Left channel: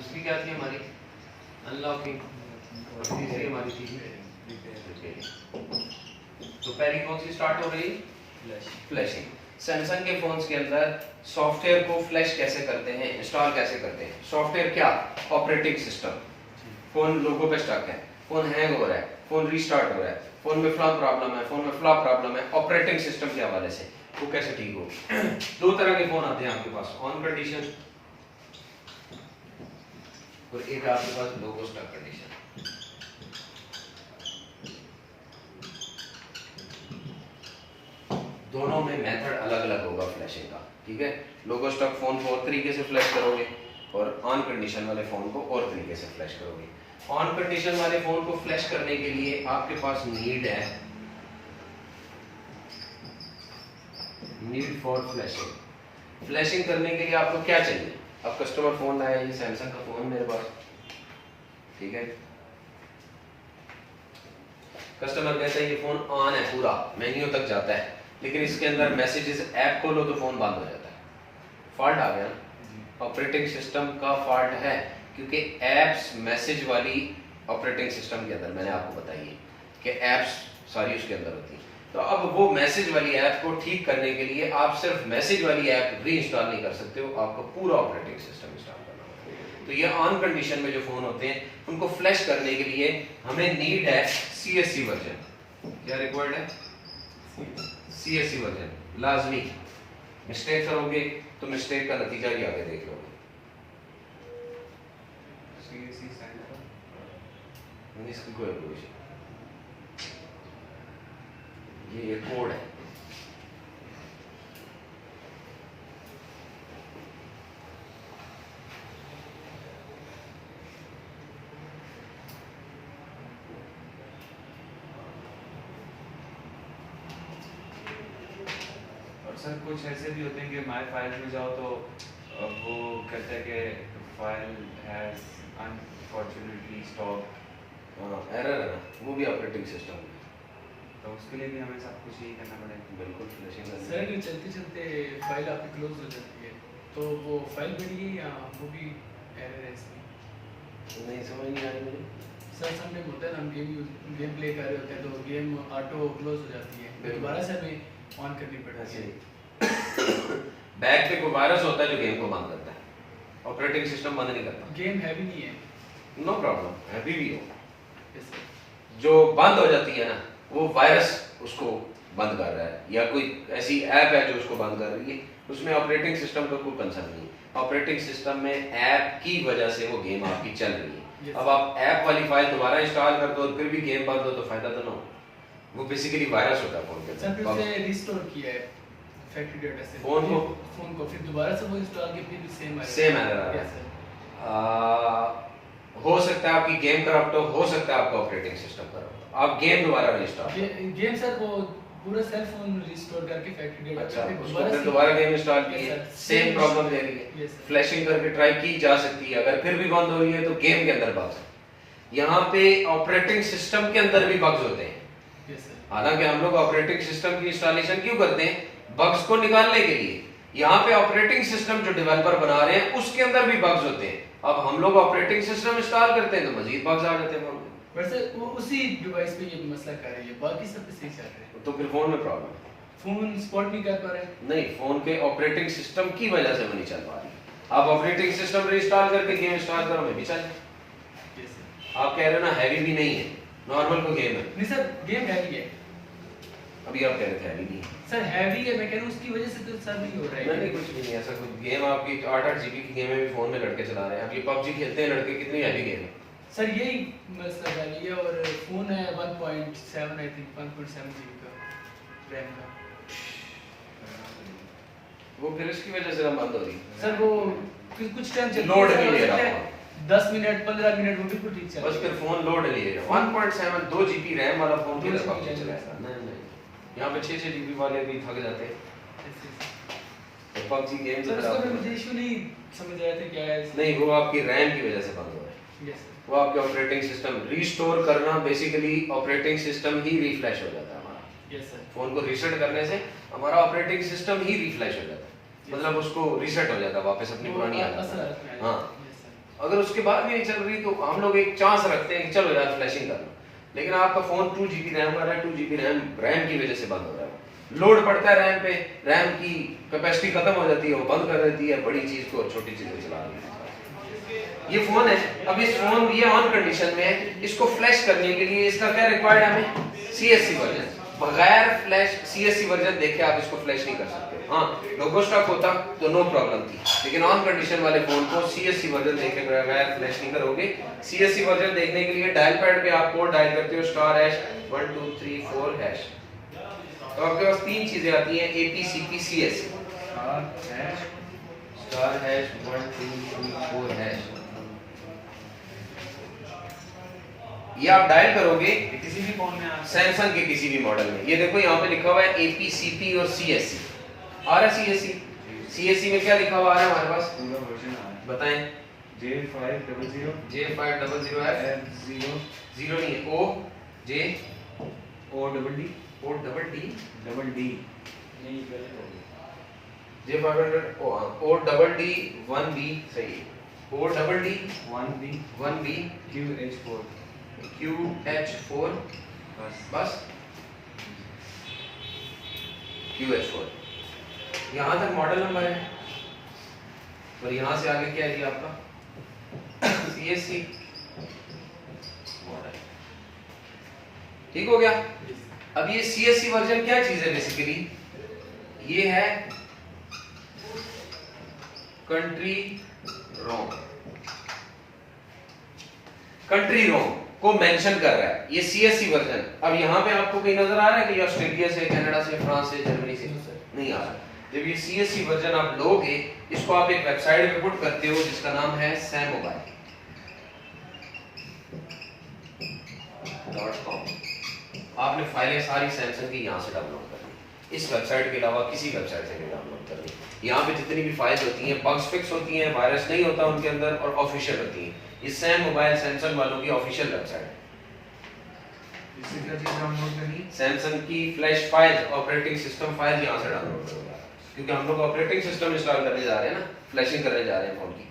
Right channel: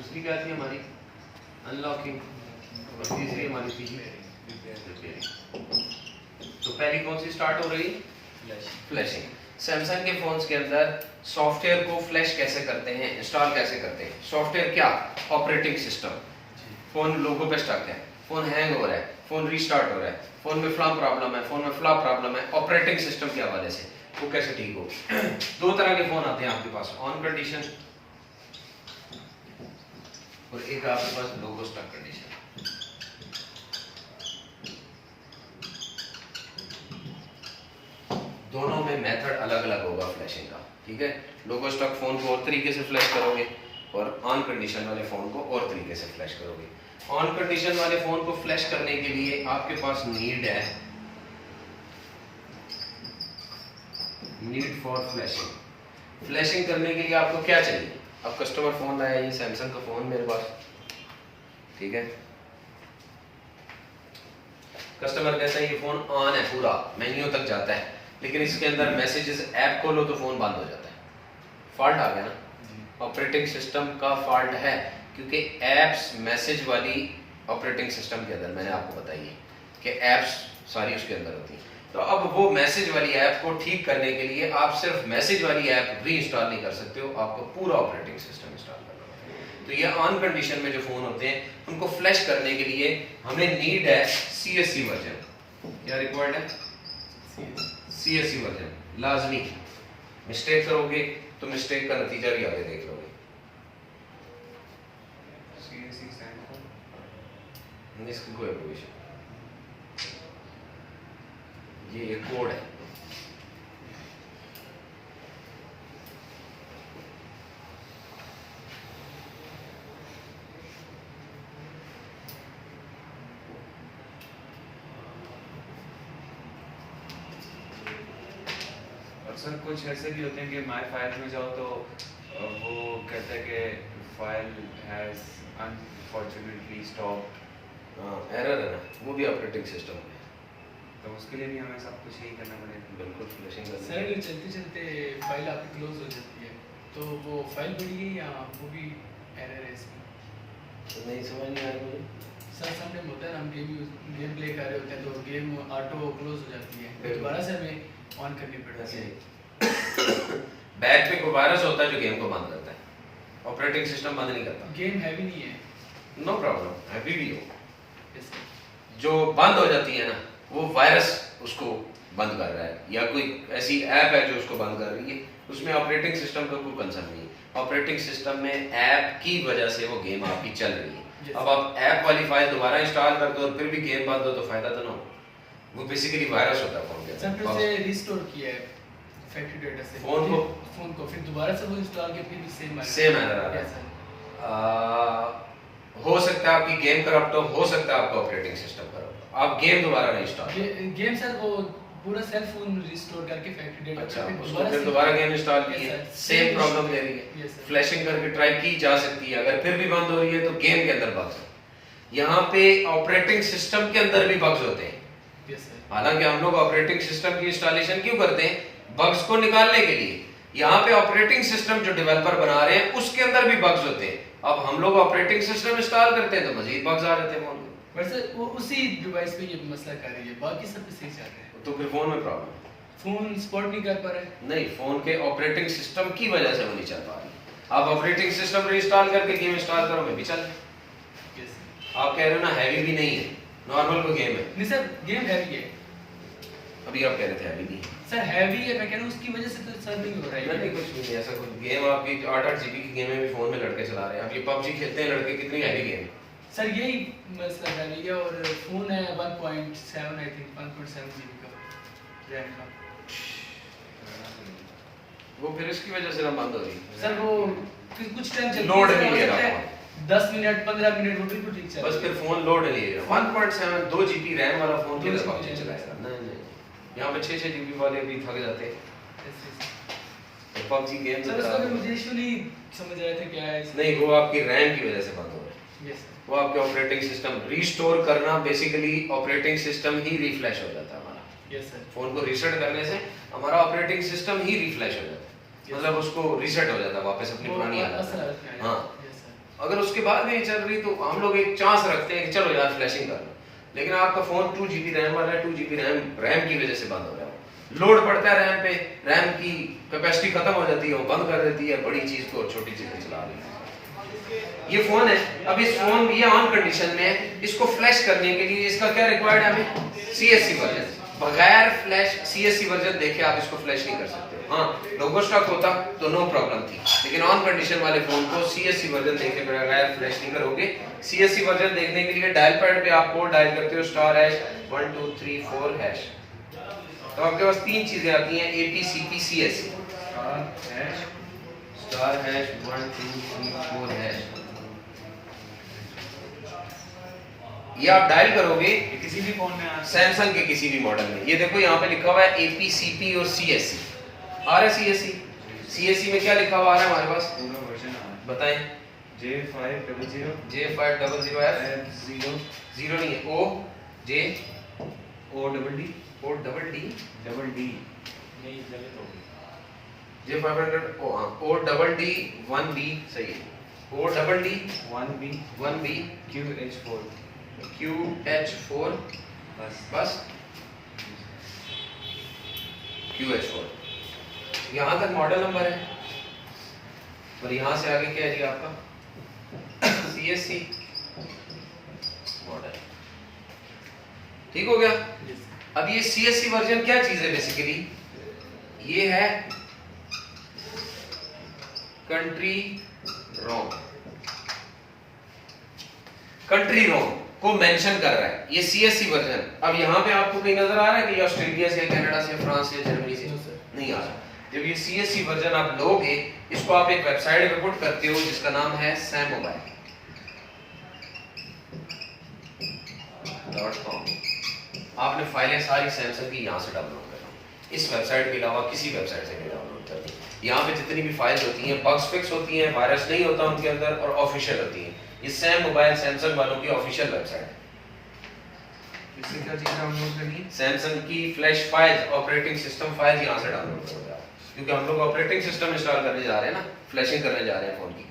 दूसरी क्या थी हमारी? अनलॉकिंग। और तीसरी हमारी थी रिपेयरिंग। तो पहली कौन सी स्टार्ट हो रही? फ्लैशिंग। सैमसंग के फोन्स के अंदर सॉफ्टवेयर को फ्लैश कैसे करते हैं, इंस्टॉल कैसे करते हैं? सॉफ्टवेयर क्या? Operating system. फोन लोगों पे स्टक है, फोन हैंग हो रहा है, फोन रीस्टार्ट हो रहा है, फोन में फ्लॉप प्रॉब्लम है, फोन में फ्लॉप प्रॉब्लम है, ऑपरेटिंग सिस्टम के हवाले से वो कैसे ठीक हो? दो तरह के फोन आते हैं आपके पास, ऑन कंडीशन और एक आपके पास लोगो स्टक कंडीशन। दोनों में मेथड अलग अलग होगा फ्लैशिंग का, ठीक है? लोगो स्टक फोन को और तरीके से फ्लैश करोगे और ऑन कंडीशन वाले फोन को और तरीके से फ्लैश करोगे। ऑन कंडीशन वाले फोन को फ्लैश करने के लिए आपके पास नीड फॉर फ्लैशिंग। फ्लैशिंग करने के लिए आपको क्या चाहिए? अब कस्टमर फोन आया, ये सैमसंग का फोन मेरे पास, ठीक है? कस्टमर कहता है ये फोन ऑन है, पूरा मेन्यू तक जाता है, लेकिन इसके अंदर मैसेजेस ऐप खोलो तो फोन बंद हो जाता है। फॉल्ट आ गया ना? ऑपरेटिंग सिस्टम का फॉल्ट है, क्योंकि एप्स मैसेज वाली ऑपरेटिंग सिस्टम के अंदर, मैंने आपको बताई है कि एप्स सारी उसके अंदर होती हैं। तो अब वो मैसेज वाली ऐप को ठीक करने के लिए आप सिर्फ मैसेज वाली ऐप री इंस्टॉल नहीं कर सकते हो, आपको पूरा ऑपरेटिंग सिस्टम इंस्टॉल करना होता है। तो ये ऑन कंडीशन में जो फोन होते हैं उनको फ्लैश करने के लिए हमें नीड है CSC वर्जन। क्या रिक्वायर्ड है? CSC वर्जन लाजमी। मिस्टेक करोगे तो मिस्टेक का नतीजा भी आगे देख लोगे। इसकी कोई एप्लीकेशन, ये एक कोड है। सर कुछ ऐसे भी होते हैं कि माय फाइल में जाओ तो वो कहता है कि file has unfortunately stopped, error है ना, वो भी ऑपरेटिंग सिस्टम है। तो उसके लिए भी हमें सब कुछ यही करना पड़ेगा। बिल्कुल फ्लैशिंग करनी सर है। चलते चलते फाइल आपकी क्लोज हो जाती है, तो वो फाइल बढ़ गई या वो भी एरर है इसमें? नहीं समझ नहीं आ रही मुझे। सर समझ होता है ना, हम गेम प्ले कर रहे होते हैं तो गेम ऑटो क्लोज हो जाती है, बिल्कुल। दोबारा से हमें ऑन करनी पड़ती है। बैक पे कोई वायरस होता है जो गेम को बंद करता है, ऑपरेटिंग सिस्टम बंद नहीं करता। गेम हैवी नहीं है। नो प्रॉब्लम, हैवी भी हो, Yes, sir. जो बंद हो जाती है ना वो वायरस उसको बंद कर रहा है, या कोई ऐसी ऐप है जो उसको बंद कर रही है, उसमें ऑपरेटिंग सिस्टम का कोई कंसर्न नहीं है। ऑपरेटिंग सिस्टम में ऐप की वजह से वो गेम आपकी चल रही है। Yes. अब आप ऐप वाली फाइल दोबारा इंस्टॉल कर दो और फिर भी गेम बंद हो तो फायदा तो ना हो। वो बेसिकली वायरस होता है फोन के सर फिर अंदर। से रिस्टोर किया है फैक्ट्री डेटा से फोन को फिर दोबारा से वो इंस्टॉल किया, फिर भी सेम एरर आ रहा Yes, है। sir. हो सकता है आपकी गेम करप्ट हो सकता है आपका ऑपरेटिंग सिस्टम करप्ट हो, आप गेम दोबारा इंस्टॉल। गेम सर वो पूरा सेल फोन रिस्टोर करके फैक्ट्री डेटा अच्छा, फिर उसको फिर दोबारा गेम इंस्टॉल Yes, किए, sir. सेम प्रॉब्लम दे रही है। Yes, sir. फ्लैशिंग करके ट्राई की जा सकती है, अगर फिर भी बंद हो रही है तो गेम के अंदर बग्स है। यहाँ पे ऑपरेटिंग सिस्टम के अंदर भी बग्स होते हैं। Yes, sir. हालांकि हम लोग ऑपरेटिंग सिस्टम की इंस्टॉलेशन क्यों करते हैं? बग्स को निकालने के लिए। यहाँ पे ऑपरेटिंग सिस्टम जो डेवलपर बना रहे हैं उसके अंदर भी बग्स होते हैं। अब हम लोग ऑपरेटिंग सिस्टम इंस्टॉल करते हैं तो मजीद बग्स आ जाते हैं फोन में। बट सर वो उसी डिवाइस पे ये मसला कर रही है, बाकी सब पे सही चल रहा है। तो फिर फोन में प्रॉब्लम है। फोन सपोर्ट नहीं कर पा रहा है। नहीं, फोन के ऑपरेटिंग सिस्टम की वजह से वो नहीं चल पा रही। आप ऑपरेटिंग सिस्टम रीइंस्टॉल करके गेम इंस्टॉल करो, मैं भी चल जाए। Yes, sir. आप कह रहे हो ना हैवी भी नहीं है, नॉर्मल कोई गेम है। नहीं सर गेम हैवी है। अभी आप कह रहे थे हैवी नहीं है। सर हैवी है, मैं कह रहा हूँ उसकी वजह से तो सर नहीं हो रहा है। नहीं, कुछ भी नहीं, ऐसा कुछ गेम आपकी 8-8 GB की गेम भी फोन में लड़के चला रहे हैं। अब ये PUBG खेलते हैं लड़के, कितनी हैवी गेम है। सर यही मसला हैवी है, और फोन है 1.7 आई थिंक 1.7 GB का रैम का। वो फिर इसकी वजह से ना बंद हो रही है। सर वो फिर कुछ टाइम चल लोड नहीं ले रहा 10 मिनट 15 मिनट वो बिल्कुल ठीक चल बस फिर फोन लोड नहीं ले रहा। 1.7 2 GB रैम वाला फोन 2 किधर GB PUBG चलाएगा? नहीं नहीं, यहाँ पे 6-6 GB वाले भी थक जाते हैं। PUBG गेम सर उसका भी मुझे इशू नहीं समझ आया था क्या है इसमें। नहीं, वो आपकी रैम की वजह से बंद हो रहा है। Yes sir. वो आपके ऑपरेटिंग सिस्टम रीस्टोर करना, बेसिकली ऑपरेटिंग सिस्टम ही रिफ्रेश हो जाता है हमारा। Yes sir. फोन को रीसेट करने से हमारा ऑपरेटिंग सिस्टम ही रिफ्रेश हो जाता है, मतलब उसको रीसेट हो जाता है, वापस अपनी पुरानी हालत में। हाँ, अगर उसके बाद भी नहीं चल रही तो हम लोग एक चांस रखते हैं कि चलो यार फ्लैशिंग कर लो, लेकिन आपका फोन 2 GB रैम वाला है, 2 GB रैम की वजह से बंद हो रहा है। लोड पड़ता है रैम पे, रैम की कैपेसिटी खत्म हो जाती है, वो बंद कर देती है, बड़ी चीज को छोटी चीजें चला रही है। ये फोन है, अब इस फोन ये ऑन कंडीशन में है, इसको फ्लैश करने के लिए इसका क्या रिक्वायर्ड है हमें? CSC version. बगैर फ्लैश CSC वर्जन देखे आप इसको फ्लैश नहीं कर सकते हो। हाँ, लोगो स्टॉक होता तो नो प्रॉब्लम थी, लेकिन ऑन कंडीशन वाले फोन को CSC वर्जन देखे बगैर फ्लैश नहीं करोगे। CSC वर्जन देखने के लिए डायल पैड पे आप कोड डायल करते हो *#1234#। तो आपके पास 3 चीजें आती हैं APCP CSC *#1234#। ये आप डायल करोगे ये किसी भी फोन में आ सैमसंग के किसी भी मॉडल में। ये देखो यहाँ पे लिखा हुआ है APCP और CSC आ रहा है। CSC में क्या लिखा हुआ है हमारे पास? पूरा वर्जन आ रहा है। बताएं। J500 J500F 0 नहीं है, ODD नहीं गलत हो गई। J500 ODD 1B सही है। ODD 1B QH4 बस QH4 यहाँ तक मॉडल नंबर है, और यहाँ से आगे क्या है जी आपका CSC मॉडल। ठीक हो गया। अब ये CSC वर्जन क्या चीज है? बेसिकली ये है कंट्री रोम। कंट्री रोम को मेंशन कर रहा है ये CSC वर्जन। अब यहाँ पे आपको कहीं नजर आ रहा है कि ये ऑस्ट्रेलिया से, कनाडा से, फ्रांस से, जर्मनी से नहीं आ रहा। जब ये CSC वर्जन आप लोगे, इसको आप एक वेबसाइट पे पुट करते हो जिसका नाम है sammobile.com। आपने फाइलें सारी सैमसंग की यहाँ से डाउनलोड करनी, इस वेबसाइट के अलावा किसी वेबसाइट से नहीं डाउनलोड करनी। यहाँ पे जितनी भी फाइल्स होती हैं बग्स फिक्स होती हैं, वायरस नहीं होता उनके अंदर, और ऑफिशियल होती हैं। ये सैमोबाइल सैमसंग वालों की ऑफिशियल वेबसाइट है। इससे क्या चीज डाउनलोड करनी है? सैमसंग की flash file, operating system file यहाँ से डाउनलोड करोगे आप, क्योंकि हम लोग ऑपरेटिंग सिस्टम इंस्टॉल करने जा रहे हैं ना, फ्लैशिंग करने जा रहे हैं फोन की।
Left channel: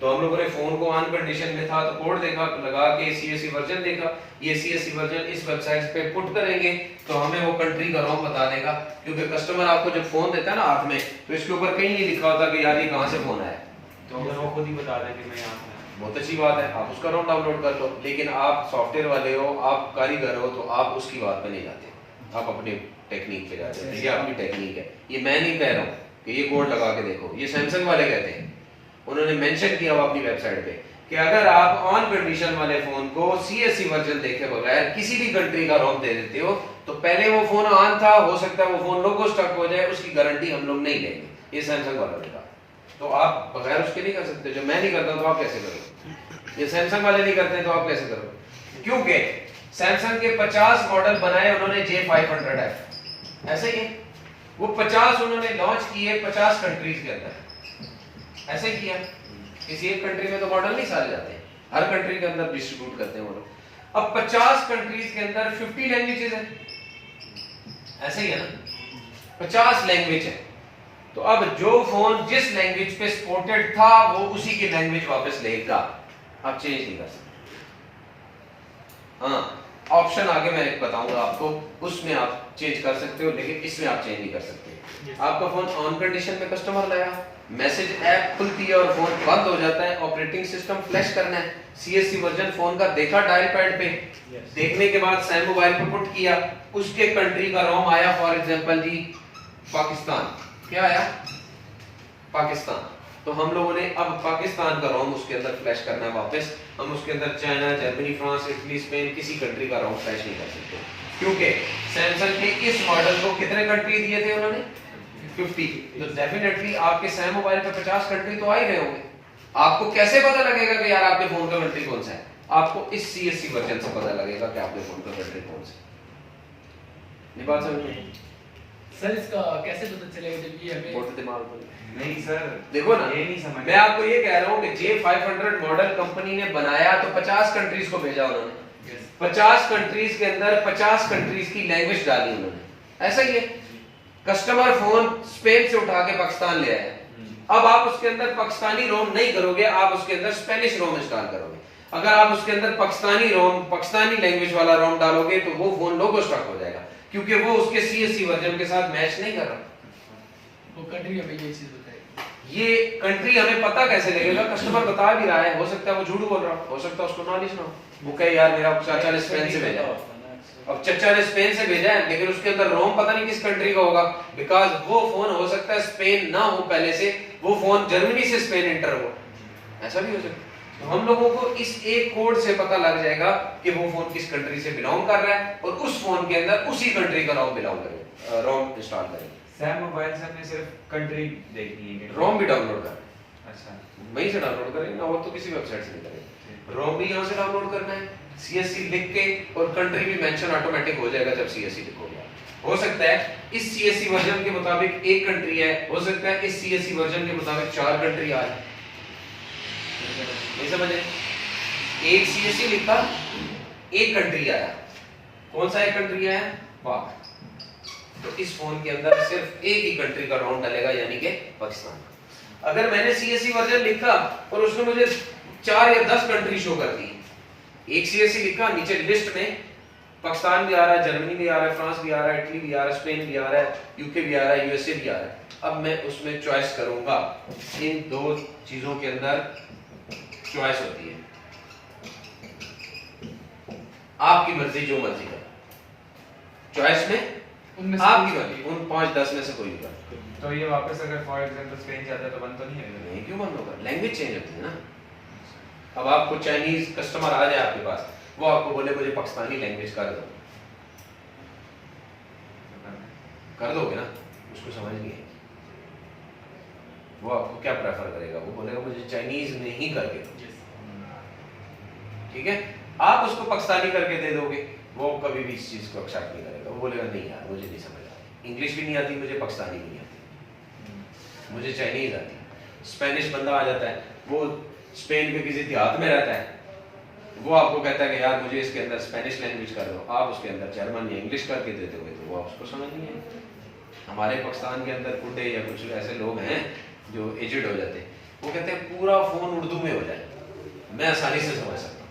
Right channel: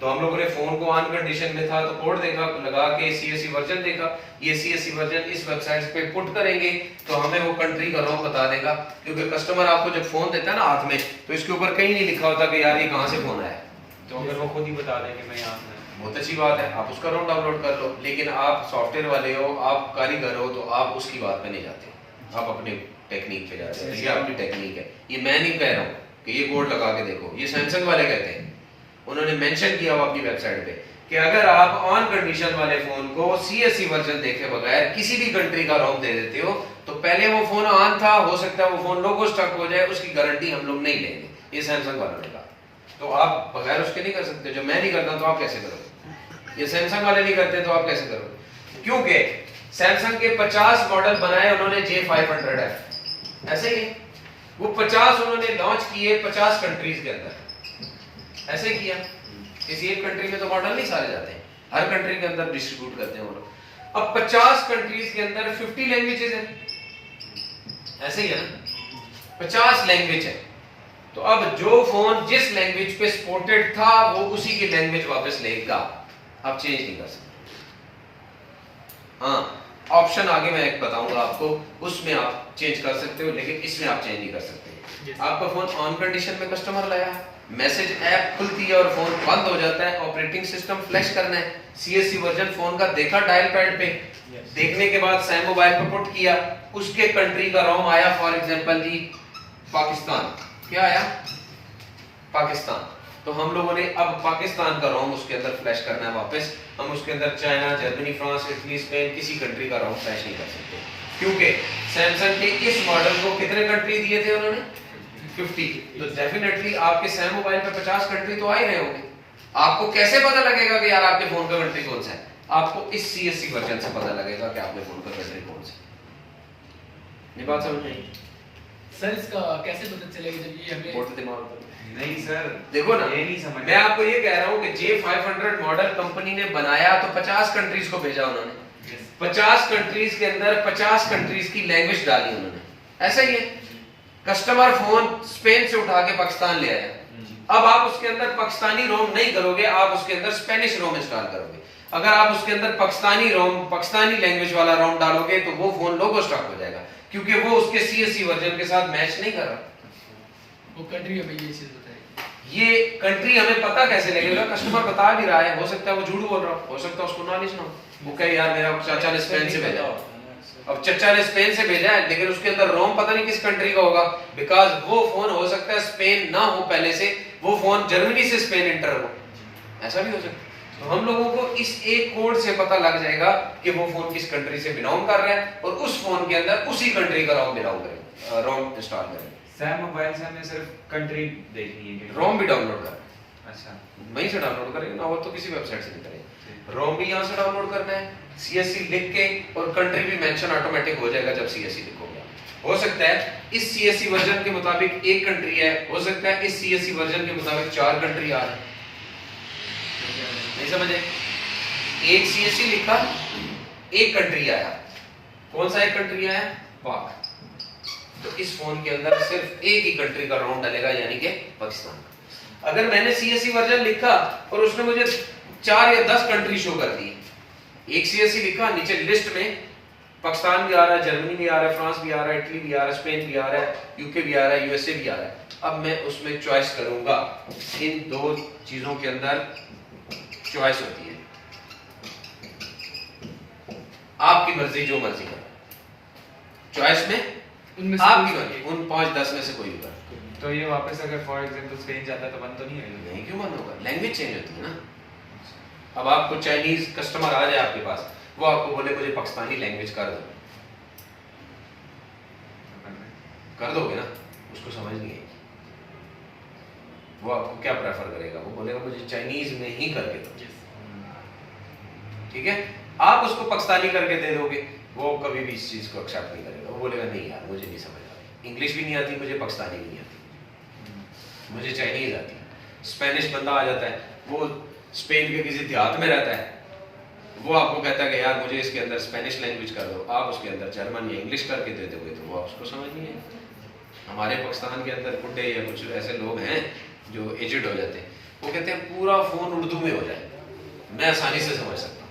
तो हम लोगों ने फोन को ऑन कंडीशन में था तो कोड देखा, लगा के CSC वर्जन देखा। ये CSC वर्जन इस वेबसाइट पे पुट करेंगे तो हमें वो कंट्री का रोम बता देगा, क्योंकि कस्टमर आपको जब फोन देता है ना हाथ में, तो इसके ऊपर कहीं नहीं लिखा होता कि यार ये कहाँ से फोन आया। तो अगर वो खुद ही बता दें कि मैं यहाँ से बहुत अच्छी बात है, आप उसका रोम डाउनलोड कर लो। लेकिन आप सॉफ्टवेयर वाले हो, आप कारीगर हो, तो आप उसकी बात पे नहीं जाते, आप अपने टेक्निक पे जाते हैं। ये आपकी टेक्निक है, ये मैं नहीं कह रहा हूँ कि ये कोड लगा के देखो, ये सैमसंग वाले कहते हैं। उन्होंने मेंशन किया हुआ अपनी वेबसाइट पे कि अगर आप ऑन कंडीशन वाले फोन को CSC वर्जन देखे बगैर किसी भी कंट्री का रोम दे देते हो, तो पहले वो फोन ऑन था, हो सकता है वो फोन लोगो स्टक हो जाए, उसकी गारंटी हम लोग नहीं लेंगे, ये सैमसंग वालों ने कहा। तो आप बगैर उसके नहीं कर सकते। जो मैं नहीं करता तो आप कैसे करोगे? ये सैमसंग वाले नहीं करते तो आप कैसे करोगे? क्योंकि सैमसंग के 50 मॉडल बनाए उन्होंने J500F, ऐसे ही वो 50 उन्होंने लॉन्च किए 50 कंट्रीज के अंदर, ऐसे किया। किसी एक कंट्री में तो मॉडल नहीं सारे जाते हैं, हर कंट्री के अंदर डिस्ट्रीब्यूट करते हैं वो लोग। अब 50 कंट्रीज के अंदर 50 लैंग्वेजेस हैं, ऐसे ही है ना, 50 लैंग्वेज है। तो अब जो फोन जिस लैंग्वेज पे सपोर्टेड था वो उसी की लैंग्वेज वापस लेगा, आप चेंज नहीं कर सकते। हाँ, ऑप्शन आगे मैं एक बताऊंगा आपको, उसमें आप चेंज कर सकते हो, लेकिन इसमें आप चेंज नहीं कर सकते। आपका फोन ऑन कंडीशन में कस्टमर लाया, मैसेज ऐप खुलती है और फोन बंद हो जाता है, ऑपरेटिंग सिस्टम फ्लैश करना है, CSC वर्जन फोन का देखा डायल पैड पे, देखने के बाद सैम मोबाइल पे पुट किया, उसके कंट्री का रोम आया, फॉर एग्जांपल जी पाकिस्तान, क्या आया? पाकिस्तान। तो हम लोगों ने अब पाकिस्तान का रोम उसके अंदर फ्लैश करना है वापस। हम उसके अंदर China, Germany, France, Italy, Spain, किसी कंट्री का रोम फ्लैश नहीं कर सकते, क्योंकि सैमसंग के इस मॉडल को कितने कंट्री दिए थे उन्होंने? 50। तो डेफिनेटली आपके सैम मोबाइल पे 50 कंट्री तो आ ही रहे होंगे। आपको कैसे पता लगेगा कि यार आपके फोन का कंट्री कौन सा है? आपको इस CSC वर्जन से पता लगेगा कि आपके फोन का कंट्री कौन सा है। ये बात समझ में? सर इसका कैसे पता चलेगा जब ये हमें बहुत दिमाग पर नहीं सर, देखो ना, ये नहीं समझ। मैं आपको ये कह रहा हूँ कि J500 मॉडल कंपनी ने बनाया तो 50 कंट्रीज को भेजा उन्होंने, 50 कंट्रीज के अंदर 50 कंट्रीज की लैंग्वेज डाली उन्होंने, ऐसा ही है। कस्टमर फोन स्पेन से उठा के पाकिस्तान ले आया, अब आप उसके अंदर पाकिस्तानी रोम नहीं करोगे, आप उसके अंदर स्पेनिश रोम इंस्टॉल करोगे। अगर आप उसके अंदर पाकिस्तानी रोम, पाकिस्तानी लैंग्वेज वाला रोम डालोगे तो वो फोन लोगो स्टक हो जाएगा, क्योंकि वो उसके CSC वर्जन के साथ मैच नहीं कर रहा। वो कंट्री अभी ये चीज बताएगी। ये कंट्री हमें पता कैसे लगेगा? कस्टमर बता भी रहा है, हो सकता है वो झूठ बोल रहा हो सकता है उसको नॉलेज ना हो, वो कहे यार मेरा चाचा ने स्पेन से भेजा है। अब चाचा ने स्पेन से भेजा है, लेकिन उसके अंदर रोम पता नहीं किस कंट्री का होगा, बिकॉज वो फोन हो सकता है स्पेन ना हो पहले से, वो फोन जर्मनी से स्पेन इंटर हो, ऐसा भी हो सकता है। तो हम लोगों को इस एक कोड से पता लग जाएगा कि वो फोन किस कंट्री से बिलोंग कर रहा है, और उस फोन के अंदर उसी कंट्री का रोम बिलोंग करेगा, रोम इंस्टॉल करेगा। सैम मोबाइल से हमने सिर्फ कंट्री देखनी है, रोम भी डाउनलोड कर, अच्छा वहीं से डाउनलोड करेंगे ना, और तो किसी वेबसाइट से नहीं करेंगे। रोम भी यहाँ से डाउनलोड करना है, CSC लिख के, और कंट्री भी मेंशन ऑटोमेटिक हो जाएगा जब CSC लिखोगे। हो सकता है इस CSC वर्जन के मुताबिक एक कंट्री है, हो सकता है इस CSC वर्जन के मुताबिक 4 कंट्री आ रहा है, नहीं समझे? एक CSC लिखा, एक कंट्री आया, कौन सा एक कंट्री आया? पाक। तो इस फोन के अंदर सिर्फ एक ही कंट्री का रोम डलेगा, यानी कि पाकिस्तान। अगर मैंने CSC वर्जन लिखा और उसने मुझे 4 या 10 कंट्री शो कर दी, एक CSC लिखा, नीचे लिस्ट में पाकिस्तान भी आ रहा है, जर्मनी भी आ रहा है, फ्रांस भी आ रहा है, इटली भी आ रहा है, स्पेन भी आ रहा है, UK भी आ रहा है, USA भी आ रहा है। अब मैं उसमें चॉइस करूंगा, इन 2 चीजों के अंदर चॉइस होती है, आपकी मर्जी, जो मर्जी करो, चॉइस में उनमें से आपकी कोई मर्जी, उन 5-10 में से कोई भी कर। तो ये वापस अगर फॉर एग्जांपल स्पेन जाता है तो बंद तो नहीं होगा? नहीं, क्यों बंद होगा? लैंग्वेज चेंज होती है ना। अब आपको चाइनीज कस्टमर आ जाए आपके पास, वो आपको बोले मुझे पाकिस्तानी लैंग्वेज कर दो, कर दोगे ना? उसको समझ नहीं आएगी, वो आपको क्या प्रेफर करेगा? वो बोलेगा मुझे चाइनीज में ही करके दो, ठीक है? आप उसको पाकिस्तानी करके दे दोगे, वो कभी भी इस चीज को एक्सेप्ट नहीं करेगा, वो बोलेगा नहीं यार मुझे नहीं समझ आ रही, इंग्लिश भी नहीं आती मुझे, पाकिस्तानी नहीं आती, मुझे चाइनीज आती है। स्पेनिश बंदा आ जाता है, वो स्पेन के किसी देहात में रहता है, वो आपको कहता है कि यार मुझे इसके अंदर स्पेनिश लैंग्वेज कर दो, आप उसके अंदर जर्मन या इंग्लिश करके दे दोगे तो वो आपको समझ नहीं है। हमारे पाकिस्तान के अंदर बुड्ढे या कुछ ऐसे लोग हैं जो एजेड हो जाते हैं, वो कहते हैं पूरा फोन उर्दू में हो जाए, मैं आसानी से समझ सकता हूँ।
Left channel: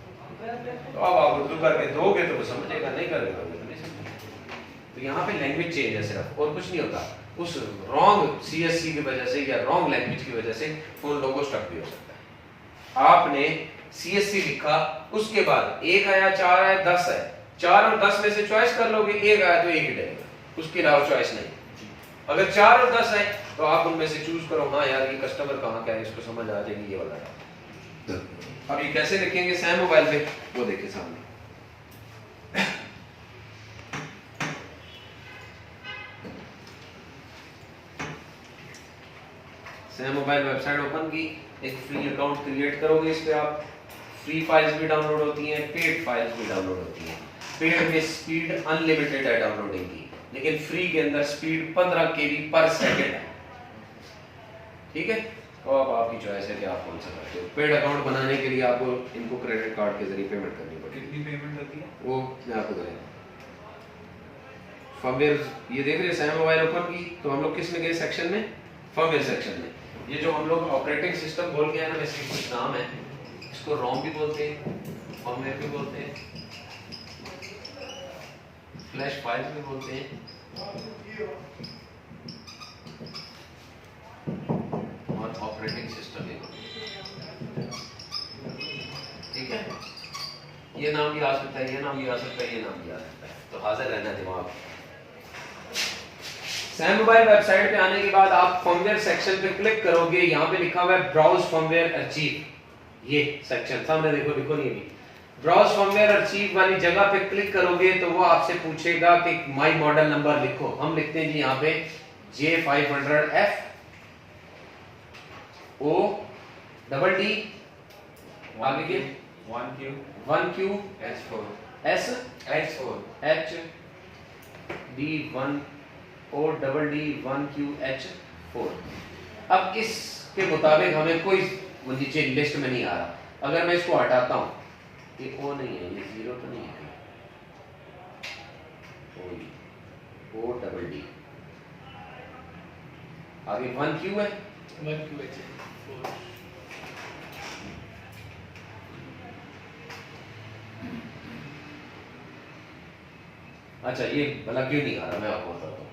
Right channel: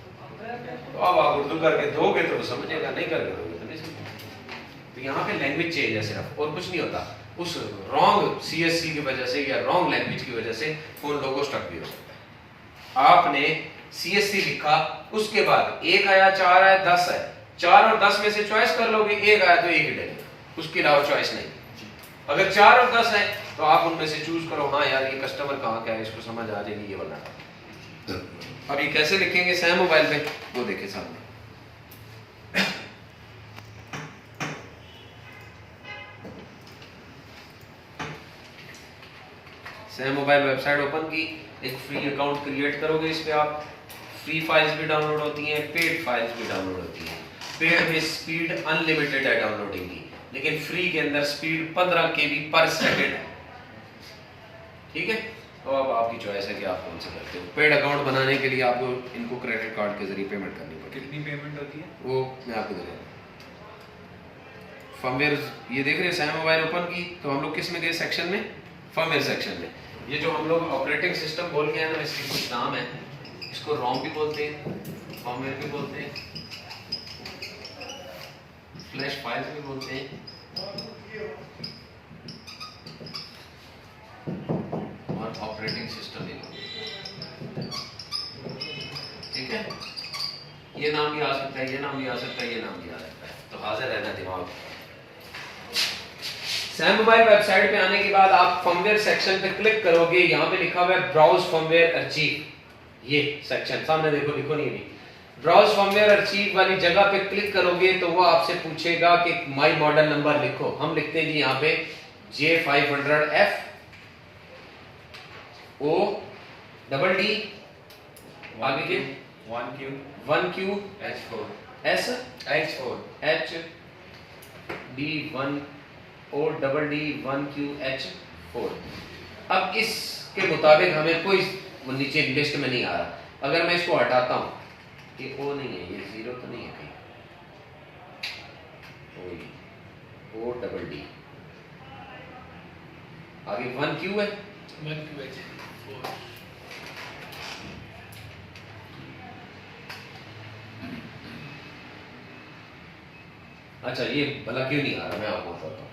तो अब आप उर्दू करके दोगे तो वो समझेगा, नहीं करके दोगे तो नहीं समझेगा। तो यहाँ पे लैंग्वेज चेंज है सिर्फ, और कुछ नहीं होता। उस रॉन्ग CSC की वजह से या रॉन्ग लैंग्वेज की वजह से फोन लोगो स्टक भी हो सकता है। आपने CSC लिखा, उसके बाद 1 आया, 4 आया, 10 आया, 4 और 10 में से चॉइस कर लोगे, 1 आया तो 1 ही डलेगा, उसके अलावा चॉइस नहीं। अगर 4 और 10 है तो आप उनमें से चूज करो, हाँ यार ये कस्टमर कहाँ का है, इसको समझ आ जाएगी, ये वाला डालो। अब ये कैसे लिखेंगे सैम मोबाइल पे, वो देखिए सामने। सैम मोबाइल वेबसाइट ओपन की, एक फ्री अकाउंट क्रिएट करोगे, इस पे आप फ्री फाइल्स भी डाउनलोड होती हैं, पेड फाइल्स भी डाउनलोड होती हैं। पेड में स्पीड अनलिमिटेड है डाउनलोडिंग की, लेकिन फ्री के अंदर स्पीड 15 KB पर सेकंड है, ठीक है? तो अब आपकी चॉइस है कि आप कौन सा करते हो। पेड अकाउंट बनाने के लिए आपको इनको क्रेडिट कार्ड के जरिए पेमेंट करनी पड़ेगी। कितनी पेमेंट होती है वो मैं आपको बता दूं। फर्मवेयर, ये देख रहे हैं सैम मोबाइल ओपन की, तो हम लोग किस में गए? सेक्शन में, फर्मवेयर सेक्शन में। ये जो हम लोग ऑपरेटिंग सिस्टम बोल के हैं ना, इसके कुछ नाम है, इसको रोम भी बोलते हैं, फर्मवेयर भी बोलते हैं, फ्लैश फाइल्स भी बोलते हैं, और ऑपरेटिंग सिस्टम भी बोलते हैं, ठीक है? ये नाम भी आ सकता है, ये नाम भी आ सकता है, ये नाम भी आ सकता है, तो हाजिर रहना दिमाग। सैम मोबाइल वेबसाइट पे आने के बाद आप फर्मवेयर सेक्शन पे क्लिक करोगे, यहाँ पे लिखा हुआ है ब्राउज फर्मवेयर अर्चीव, ये सेक्शन सामने देखो, दिखो नहीं अभी। ब्राउज फर्मवेयर अर्चीव वाली जगह पे क्लिक करोगे तो वो आपसे पूछेगा कि माई मॉडल नंबर लिखो। हम लिखते हैं जी यहाँ पे J500F O डबल D, आगे के 1Q H4 S H D1 O double D 1QH4। अब इसके मुताबिक हमें कोई नीचे लिस्ट में नहीं आ रहा। अगर मैं इसको हटाता हूं, ये O नहीं है, ये 0 तो नहीं है कहीं, O डबल D, आगे 1Q है, 1QH4। अच्छा ये भला क्यों नहीं आ रहा, मैं आपको बताता हूँ।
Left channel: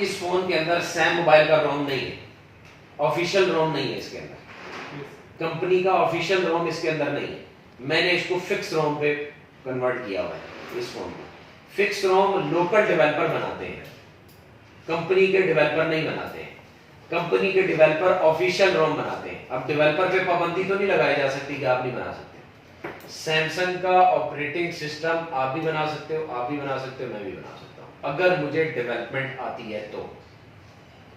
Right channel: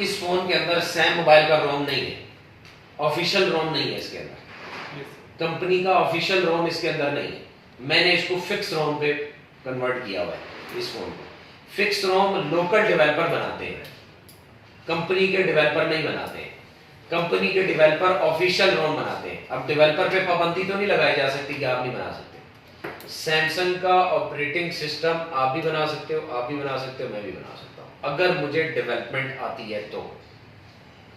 इस फोन के अंदर सैम मोबाइल का रोम नहीं है, ऑफिशियल रोम नहीं है इसके अंदर, कंपनी का ऑफिशियल रोम इसके अंदर नहीं है। मैंने इसको फिक्स रोम पे कन्वर्ट किया हुआ है इस फोन को। फिक्स रोम लोकल डेवलपर बनाते हैं, कंपनी के डेवलपर नहीं बनाते हैं। कंपनी के डेवलपर ऑफिशियल रोम बनाते हैं। अब डेवलपर पे पाबंदी तो नहीं लगाई जा सकती कि आप नहीं बना सकते। सैमसंग का ऑपरेटिंग सिस्टम आप भी बना सकते हो, आप भी बना सकते हो, मैं भी बना सकता हूं अगर मुझे डेवलपमेंट आती है तो।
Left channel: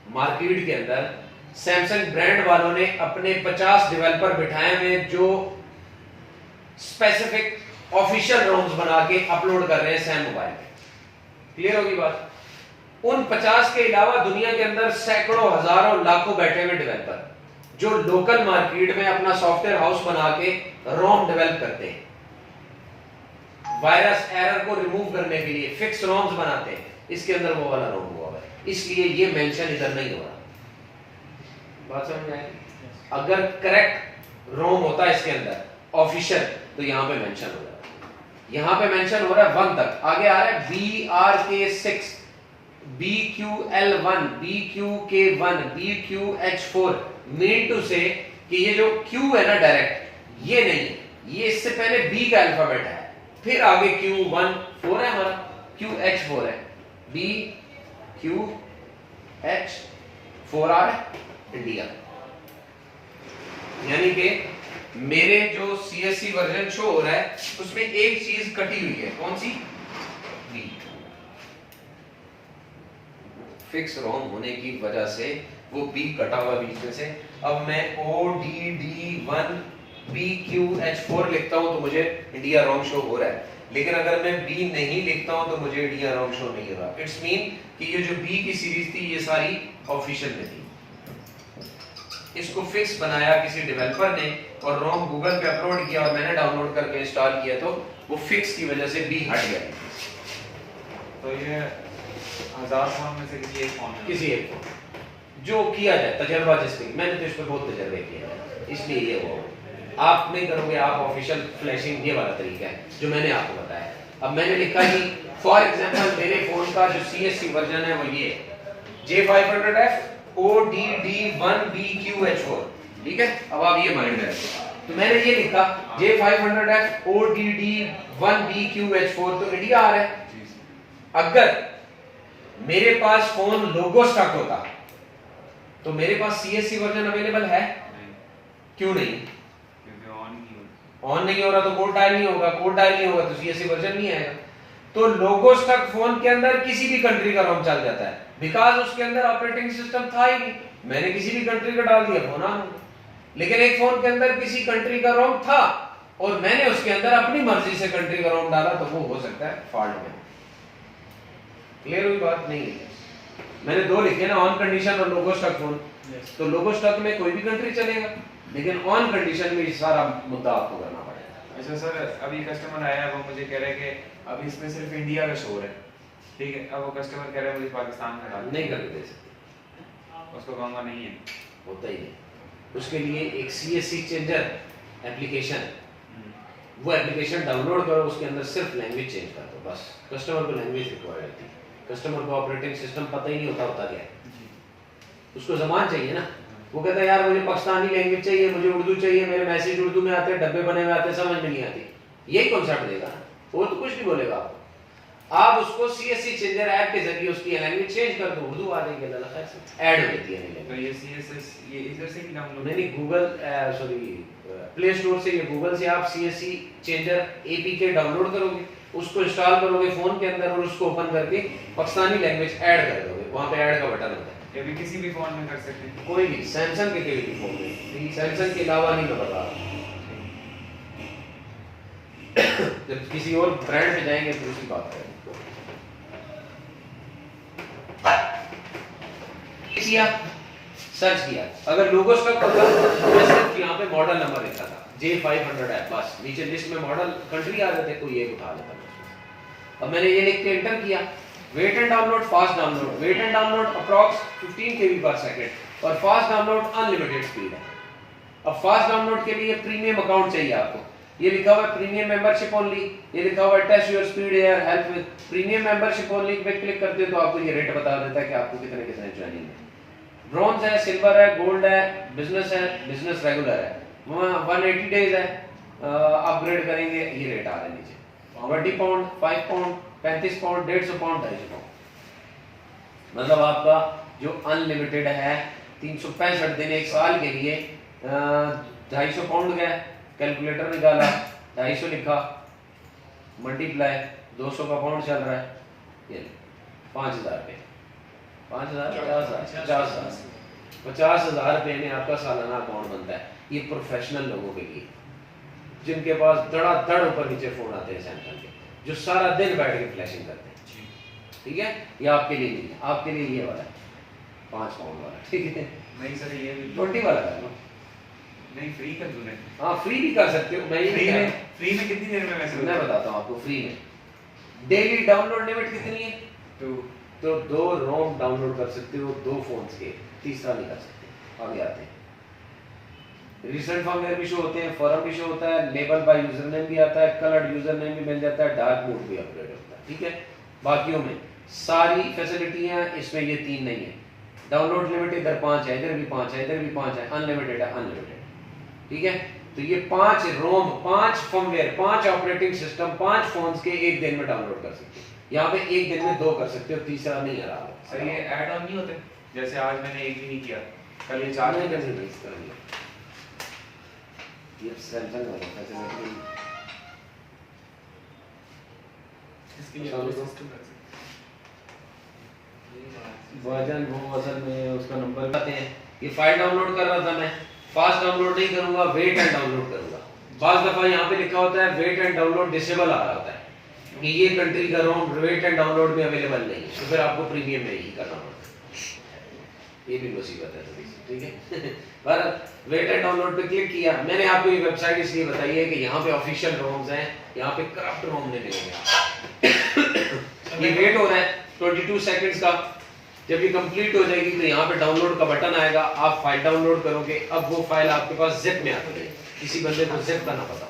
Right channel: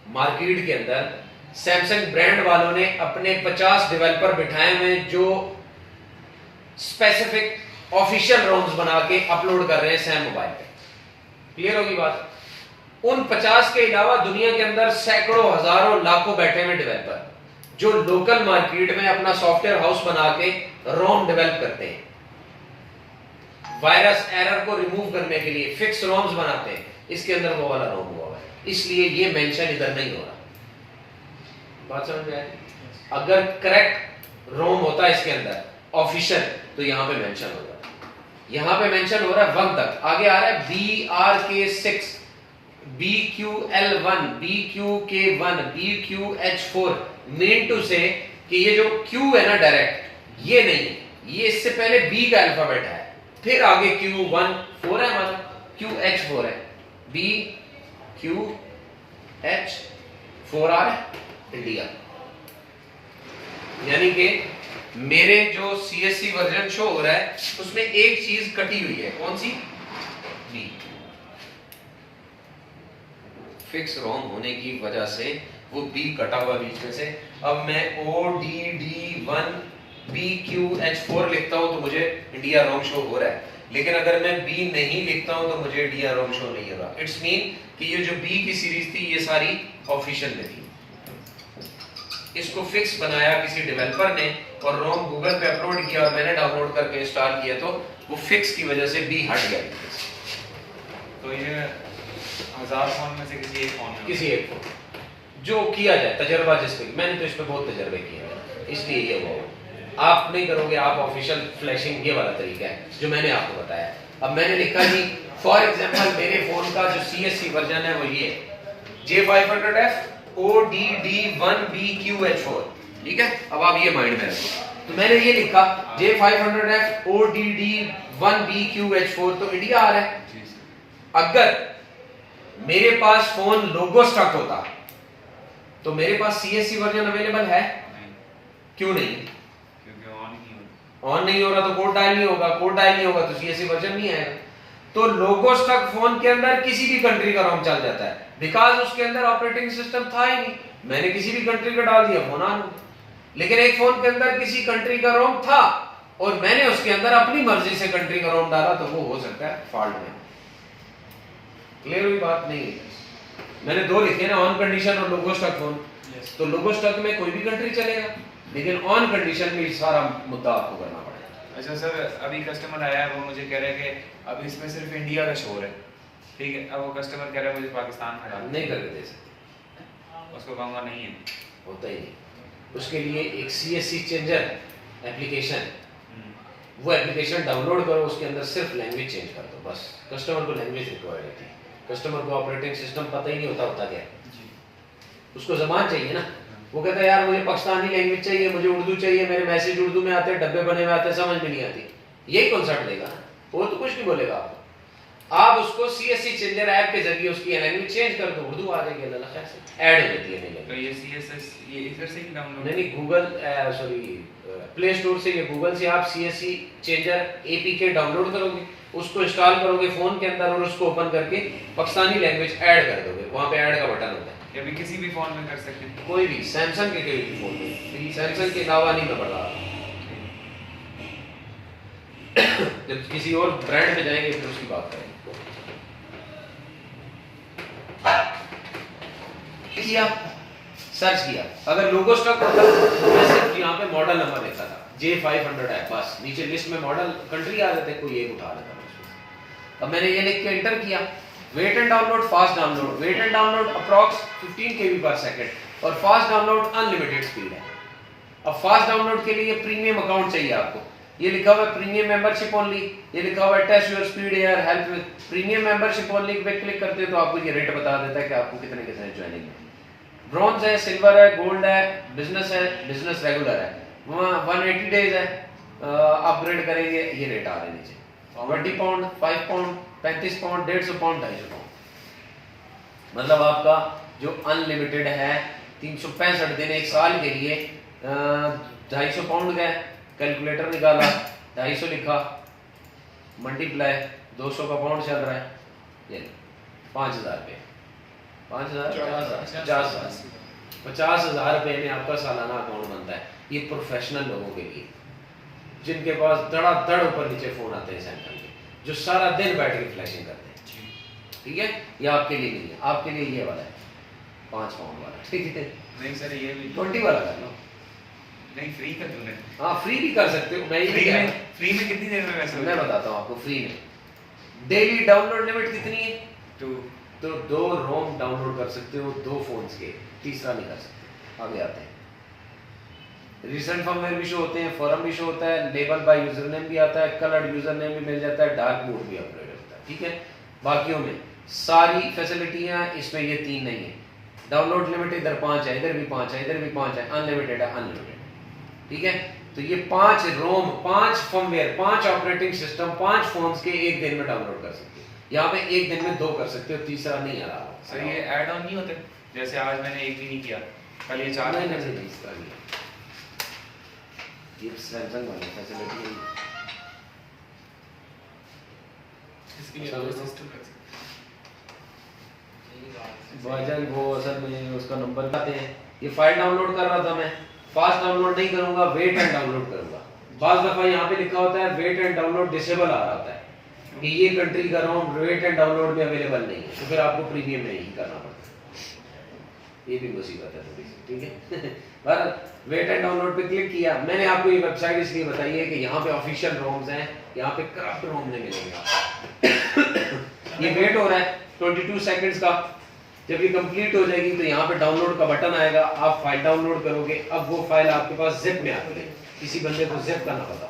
मार्केट के अंदर सैमसंग ब्रांड वालों ने अपने 50 डेवलपर बिठाए हुए जो स्पेसिफिक ऑफिशियल रोम्स बना के अपलोड कर रहे हैं सैम मोबाइल पे। क्लियर होगी बात? उन 50 के अलावा दुनिया के अंदर सैकड़ों, हजारों, लाखों बैठे हुए डेवलपर जो लोकल मार्केट में अपना सॉफ्टवेयर हाउस बना के रोम डेवलप करते हैं, वायरस एरर को रिमूव करने के लिए फिक्स रोम्स बनाते हैं। इसके अंदर वो वाला रोम हुआ है, इसलिए ये मेंशन इधर नहीं हो रहा। बात समझ में आई? अगर करेक्ट रोम होता इसके अंदर ऑफिशियल तो यहां पे मेंशन हो जाता। यहां पे मेंशन हो रहा है 1 तक, आगे आ रहा है BRK6, BQL1, BQK1, BQH4, mean to से कि ये जो Q है ना डायरेक्ट, ये नहीं है, ये इससे पहले B का अल्फाबेट है, फिर आगे Q14 है हमारा, QH4 है, BQH4 आ रहा है इंडिया। यानी कि मेरे जो CSC वर्जन शो हो रहा है उसमें एक चीज कटी हुई है, कौन सी? B। फिक्स रोम होने की वजह से वो B कटा हुआ बीच में से। अब मैं ODD1 BQH4 लिखता हूं तो मुझे इंडिया रोम शो हो रहा है, लेकिन अगर मैं B नहीं लिखता हूं तो मुझे इंडिया रोम शो नहीं हो रहा। इट्स मीन कि ये जो B की सीरीज थी ये सारी ऑफिशियल में थी, इसको फिक्स बनाया किसी डेवलपर ने और रोम गूगल पे अपलोड किया और मैंने डाउनलोड करके इंस्टॉल किया तो वो फिक्स की वजह से B हट गया। तो ये 1000 फोन में से किसी एक फोन में, किसी एक फोन जो किया जाए तजर्बा जिसपे, मैंने तो इस पे बहुत तजर्बे किए हैं इसलिए ये वो आप नहीं करोगे। आप ऑफिशियल फ्लैशिंग ये वाला तरीका है जो मैंने आपको बताया। अब मैंने लिखा कि फॉर एग्जांपल मेरे फोन का जो CSC वर्जन है वो ये J500F ODD1 BQH4, ठीक है। अब आप ये माइंड में रखो, तो मैंने ये लिखा J500F ODD1 BQH4 तो इंडिया आ रहा है। अगर मेरे पास फोन लोगो स्टक होता तो मेरे पास CSC वर्जन अवेलेबल है? क्यों नहीं? क्योंकि ऑन नहीं हो रहा तो कोड डायल नहीं होगा, कोड डायल नहीं होगा तो CSC वर्जन नहीं आएगा। तो लोगो स्टक फोन के अंदर किसी भी कंट्री का रोम चल जाता है, बिकॉज उसके अंदर ऑपरेटिंग सिस्टम था ही नहीं। मैंने किसी भी कंट्री का डाल दिया फोन ऑन, लेकिन एक फोन के अंदर किसी कंट्री का रोम था और मैंने उसके अंदर अपनी मर्जी से कंट्री का रोम डाला तो वो हो सकता है फॉल्ट में। क्लियर हुई बात? नहीं, मैंने दो लिखे ना, ऑन कंडीशन और लोगो स्टक फोन। तो लोगो स्टक में कोई भी कंट्री चलेगा, लेकिन ऑन कंडीशन में सारा मुद्दा आपको करना पड़ेगा। अच्छा सर, अभी कस्टमर आया है, वो मुझे कह रहे हैं कि अब इसमें सिर्फ इंडिया का शो है, ठीक है। अब वो कस्टमर कह रहा है मुझे पाकिस्तान का डालना, नहीं करके दे सकते, उसको कहूँगा नहीं है, होता ही नहीं। उसके लिए एक CSC चेंजर एप्लीकेशन, वो एप्लीकेशन डाउनलोड करो, उसके अंदर सिर्फ लैंग्वेज चेंज कर दो बस। कस्टमर को लैंग्वेज रिक्वायर्ड होती है, कस्टमर को ऑपरेटिंग सिस्टम पता ही नहीं होता क्या है, उसको ज़बान चाहिए ना। वो कहता है यार मुझे पाकिस्तानी लैंग्वेज चाहिए, मुझे उर्दू चाहिए, मेरे मैसेज उर्दू में आते हैं, डब्बे बने हुए आते हैं, समझ में नहीं आती। यही कॉन्सेप्ट देगा, वो तो कुछ नहीं बोलेगा आपको। आप उसको CSC चेंजर ऐप के जरिए उसकी लैंग्वेज चेंज कर दो, उर्दू आ जाएगी, अल्लाह खैर से ऐड हो जाती है। तो ये CSS ये इधर से ही डाउनलोड नहीं, गूगल सॉरी प्ले स्टोर से, ये गूगल से आप CSC चेंजर APK डाउनलोड करोगे, उसको इंस्टॉल करोगे फोन के अंदर और उसको ओपन करके पाकिस्तानी लैंग्वेज ऐड कर दोगे, वहां पे ऐड का बटन होता है। ये भी किसी भी फोन में कर सकते हैं, कोई भी, सैमसंग के कोई भी फोन में, सैमसंग के अलावा नहीं मैं बता रहा। जब किसी और ब्रांड में जाएंगे तो उसकी बात करेंगे। किया सर्च किया, अगर लोगो स्टॉक होता तो सिर्फ यहाँ पे मॉडल नंबर लिखा था J500 है, बस नीचे लिस्ट में मॉडल कंट्री आ जाते, कोई एक उठा लेता। अब मैंने ये लिख के एंटर किया, wait and download, fast download, wait and download approx 15 KB per second, और फास्ट डाउनलोड अनलिमिटेड स्पीड है। अब फास्ट डाउनलोड के लिए प्रीमियम अकाउंट चाहिए आपको। ये लिखा हुआ है प्रीमियम मेंबरशिप ओनली, ये लिखा हुआ है test your speed here, help with premium membership only पे क्लिक करते हो तो आपको ये रेट बता देता है कि आपको कितने कितने ज्वाइनिंग है। ब्रॉन्ज है, सिल्वर है, गोल्ड है, बिजनेस है, बिजनेस रेगुलर है। वहाँ 180 डेज है, अपग्रेड करेंगे ये रेट आ रहा है नीचे 20 pound, 5 pound, 35 pound, 150 pound, 250 pound. मतलब आपका जो अनलिमिटेड है 365 दिन एक साल के लिए 250 पाउंड का है। कैलकुलेटर निकाला, 250 लिखा, मल्टीप्लाई 200 का पाउंड चल रहा है, ये 5000 रुपये, 50,000 रुपये में आपका सालाना अकाउंट बनता है। ये प्रोफेशनल लोगों के लिए जिनके पास धड़ाधड़ ऊपर नीचे फोन आते हैं सैमसंग के, जो सारा दिन बैठ के फ्लैशिंग करते हैं, ठीक है। ये आपके लिए नहीं है, आपके लिए ये वाला है 5 पाउंड वाला, ठीक है। नहीं सर ये भी 20 वाला कर लो। नहीं फ्री कर दूं नहीं। हाँ फ्री भी कर सकते हो, मैं ये नहीं कह रहा। फ्री में कितनी देर में वैसे मैं बताता हूँ आपको फ्री में डेली डाउनलोड लिमिट कितनी है। तो 2 रोम डाउनलोड कर सकते हो 2 फोन्स के, तीसरा नहीं कर सकते। आगे आते हैं, रिसेंट फर्मवेयर भी शो होते हैं, फॉरम भी शो होता है, लेबल बाय यूजर नेम भी आता है, कलर्ड यूजर नेम भी मिल जाता है, डार्क मोड भी अपग्रेड होता है, ठीक है। बाकियों में सारी फैसिलिटियां, इसमें ये 3 नहीं है। डाउनलोड लिमिट इधर 5 है, इधर भी 5 है, इधर भी 5 है, अनलिमिटेड है, अनलिमिटेड, ठीक है। तो ये 5 रोम, 5 फर्मवेयर, 5 ऑपरेटिंग सिस्टम, 5 फोन्स के एक दिन में डाउनलोड कर सकते हो। यहाँ पे एक दिन में 2 कर सकते हो, तीसरा नहीं आ रहा। सर ये ऐड ऑन नहीं होते, जैसे आज मैंने एक भी नहीं किया, कल ये 4 नहीं इसका नहीं, ये सैमसंग वाला फैसिलिटी इसके लिए और सिस्टम कर वर्जन वो असल में उसका नंबर आते हैं। ये फाइल डाउनलोड कर रहा था मैं, फास्ट डाउनलोड नहीं करूंगा, वेट एंड डाउनलोड करूंगा। बाज़ दफा यहाँ पे लिखा होता है वेट एंड डाउनलोड डिसेबल आ रहा होता है कि ये कंट्री का रोम वेट एंड डाउनलोड में अवेलेबल नहीं है, तो फिर आपको प्रीमियम में ही करना पड़ता है। ये भी मुसीबत है थोड़ी सी, ठीक है। पर वेट एंड डाउनलोड पे क्लिक किया। मैंने आपको ये वेबसाइट इसलिए बताई है कि यहाँ पे ऑफिशियल रोम्स हैं, यहाँ पे करप्ट रोम नहीं मिलेंगे। ये वेट हो रहा है 22 सेकंड्स का, जब ये कंप्लीट हो जाएगी तो यहाँ पे डाउनलोड का बटन आएगा, आप फाइल डाउनलोड करोगे। अब वो फाइल आपके पास जिप में आती है, किसी बंदे को जिप करना पता,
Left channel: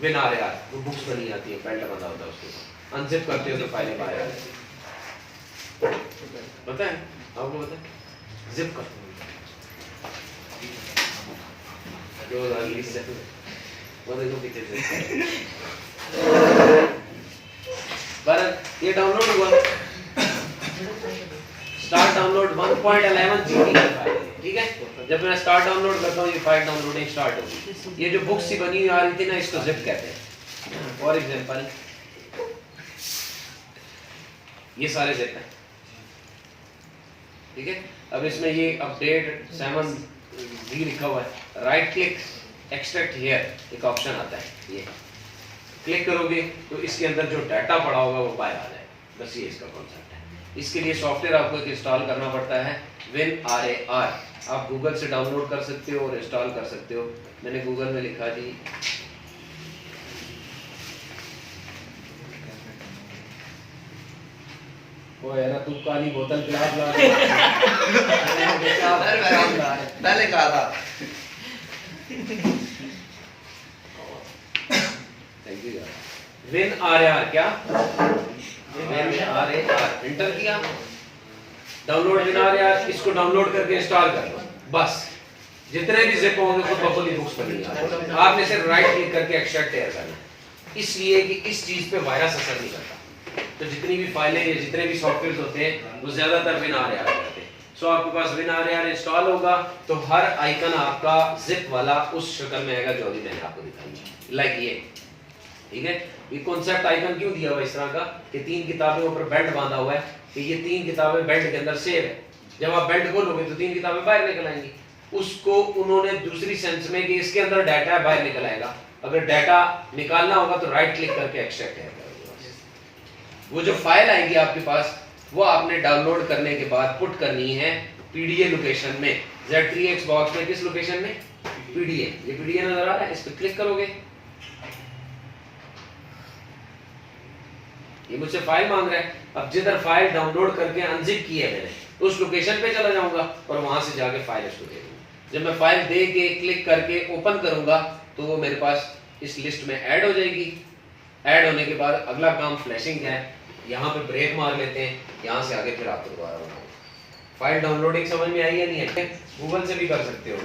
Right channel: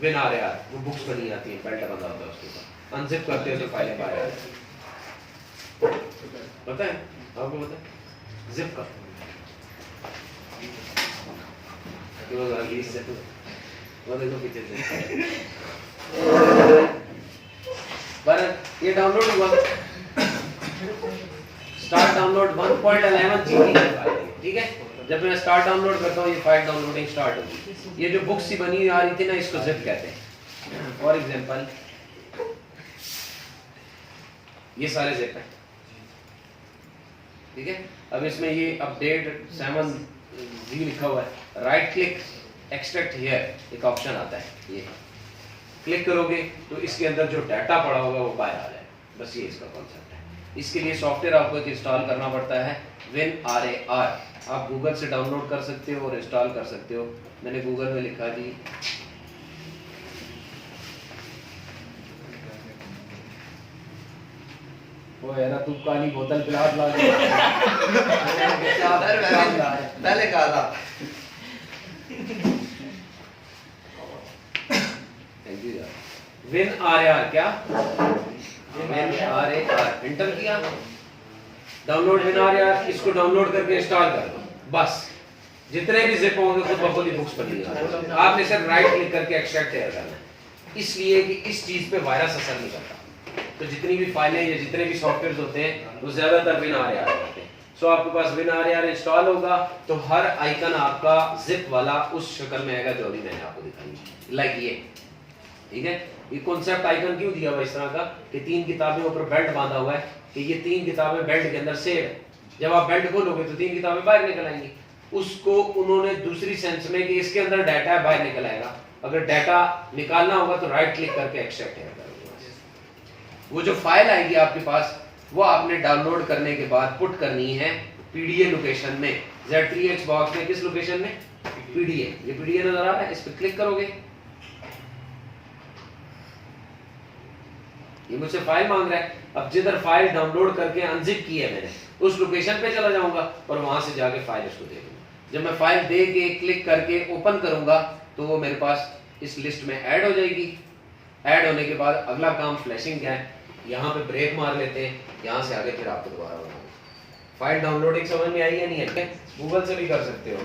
बिन आ रहा वो बुक्स बनी आती है, बेल्ट बंधा होता है उसके ऊपर, अनजिप करते हो तो फाइलें बाहर आ जाती है। पता है आपको, पता है जिप करते वो देखो पीछे से ये डाउनलोड हुआ, स्टार्ट डाउनलोड 1.11 जीबी का फाइल है, ठीक है। जब मैं स्टार्ट डाउनलोड करता हूँ ये फाइल डाउनलोडिंग स्टार्ट होगी। ये जो बुक्स सी बनी हुई आ रही थी ना, इसको जिप कहते हैं। फॉर एग्जांपल ये सारे जिप हैं, ठीक है। अब इसमें ये अपडेट 7G लिखा हुआ है, राइट क्लिक एक्सट्रैक्ट हियर एक ऑप्शन आता है, ये क्लिक करोगे तो इसके अंदर जो डाटा पड़ा होगा वो बाहर आ जाएगा। बस ये इसका कॉन्सेप्ट है। इसके लिए सॉफ्टवेयर आपको एक इंस्टॉल करना पड़ता है, WinRAR। आप गूगल से डाउनलोड कर सकते हो और इंस्टॉल कर सकते हो। मैंने गूगल में लिखा जी वो यार तू काली बोतल गिलास ला पहले कहा था। थैंक यू यार। WinRAR क्या, WinRAR एंटर किया, डाउनलोड WinRAR, इसको डाउनलोड करके इंस्टॉल कर लो। बस जितने भी जिप होंगे तो बबली बुक्स बनेगी। आपने सिर्फ राइट क्लिक करके एक्सट्रैक्ट तैयार करना है, इसलिए कि इस चीज पे वायरस असर नहीं करता। तो जितनी भी फाइलें या जितने भी सॉफ्टवेयर होते हैं वो ज्यादातर WinRAR होते हैं। सो आपके पास WinRAR इंस्टॉल होगा तो हर आइकन आपका जिप वाला उस शक्ल में आएगा जो अभी मैंने आपको दिखाई, लाइक ये, ठीक है। ये कॉन्सेप्ट आइकन क्यों दिया हुआ इस तरह का कि 3 किताबें ऊपर बेल्ट बांधा हुआ है कि ये 3 किताबें बेल्ट के अंदर सेव है। जब आप बेल्ट खोलोगे तो 3 किताबें बाहर निकल आएंगी। उसको उन्होंने दूसरी सेंस में कि इसके अंदर डाटा है, बाहर निकल आएगा। अगर डाटा निकालना होगा तो राइट क्लिक करके एक्सट्रैक्ट करोगे। वो जो फाइल आएगी आपके पास वो आपने डाउनलोड करने के बाद पुट करनी है पीडीए लोकेशन में, Z3X बॉक्स में। किस लोकेशन में? पीडीए। ये पीडीए नजर आ रहा है, इस पर क्लिक करोगे, ये मुझसे फाइल मांग रहा है। अब जिधर फाइल डाउनलोड करके अनजिप की है मैंने, उस लोकेशन पे चला जाऊंगा और वहां से जाके फाइल उसको दे दूंगा। जब मैं फाइल दे के क्लिक करके ओपन करूंगा तो वो मेरे पास इस लिस्ट में ऐड हो जाएगी। ऐड होने के बाद अगला काम फ्लैशिंग है, यहाँ पे ब्रेक मार लेते हैं, यहाँ से आगे फिर आपको दोबारा बनाऊंगा। फाइल डाउनलोडिंग समझ में आई है नहीं है? गूगल से भी कर सकते हो।